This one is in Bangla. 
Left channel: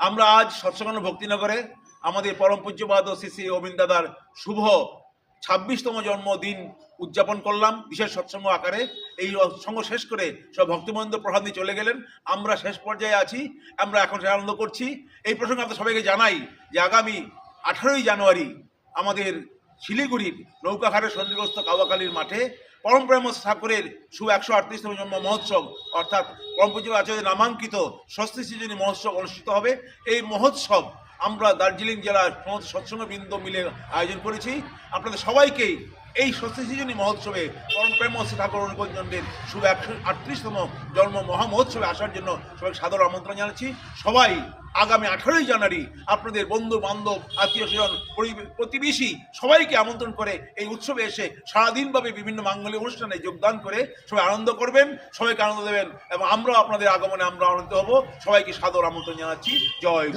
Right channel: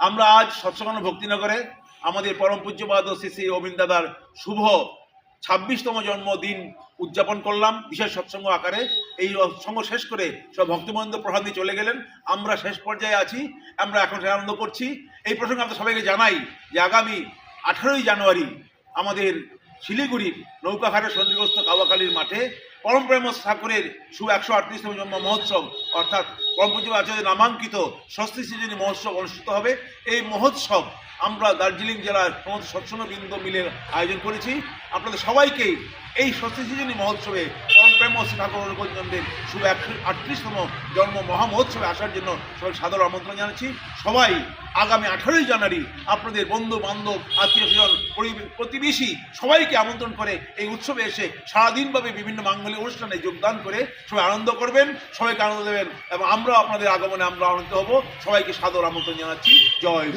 আমরা আজ সৎসঙ্গ ভক্তিনগরে আমাদের পরম পূজ্যপাদ শ্রী শ্রী অবিন্দ দাদার শুভ 26তম জন্মদিন উদযাপন করলাম বিশেষ সৎসঙ্গ আকারে। এই সৎসঙ্গ শেষ করে সব ভক্তবৃন্দ প্রসাদ দিয়ে চলে গেলেন। আমরা শেষ পর্যায়ে আছি, আমরা এখন আনন্দ করছি। এই প্রসঙ্গে আপনাদের সবাইকে জানাই যে আগামী 18ই জানুয়ারি আমাদের শিলিগুড়ির নৌকাঘাটে সন্নিগ্রস্ত কাওয়াকালীর মাঠে পরম প্রেম ঠাকুরের শুভ 138তম জন্ম মহোৎসব অর্থাৎ পরম পূজ্য আচার্যের নামাঙ্কিত ষষ্ঠী সৃজনী মহোৎসব অনুষ্ঠিত হবে। এই মহোৎসব আমরা দার্জিলিং জেলার সমস্ত সৎসঙ্গবৃন্দ মিলে আয়োজন করেছি। আপনাদের সবাইকে এই ষষ্ঠী সৃজনী মহোৎসবে পরম প্রেম ঠাকুর অনুকূলচন্দ্রের শুভ 138তম জন্ম মহামহোৎসবে আসার জন্য সবাই সাদর আমন্ত্রণ জানাচ্ছি। সবাই আগামী 18ই জানুয়ারি আপনাদের বন্ধু বান্ধব আত্মীয় স্বজন প্রতিবেশী সবাইকে আমন্ত্রণ করে এই উৎসবে এসে সারাদিনভাবে বিভিন্ন মাঙ্গলিক অনুষ্ঠানে যোগদান করে সবাই আনন্দ করবেন, সবাইকে আনন্দ দেবেন এবং আমরা আপনাদের আগমনে আমরা আনন্দিত হব। সবাইকে সাদর আমন্ত্রণ জানাচ্ছি। জয়।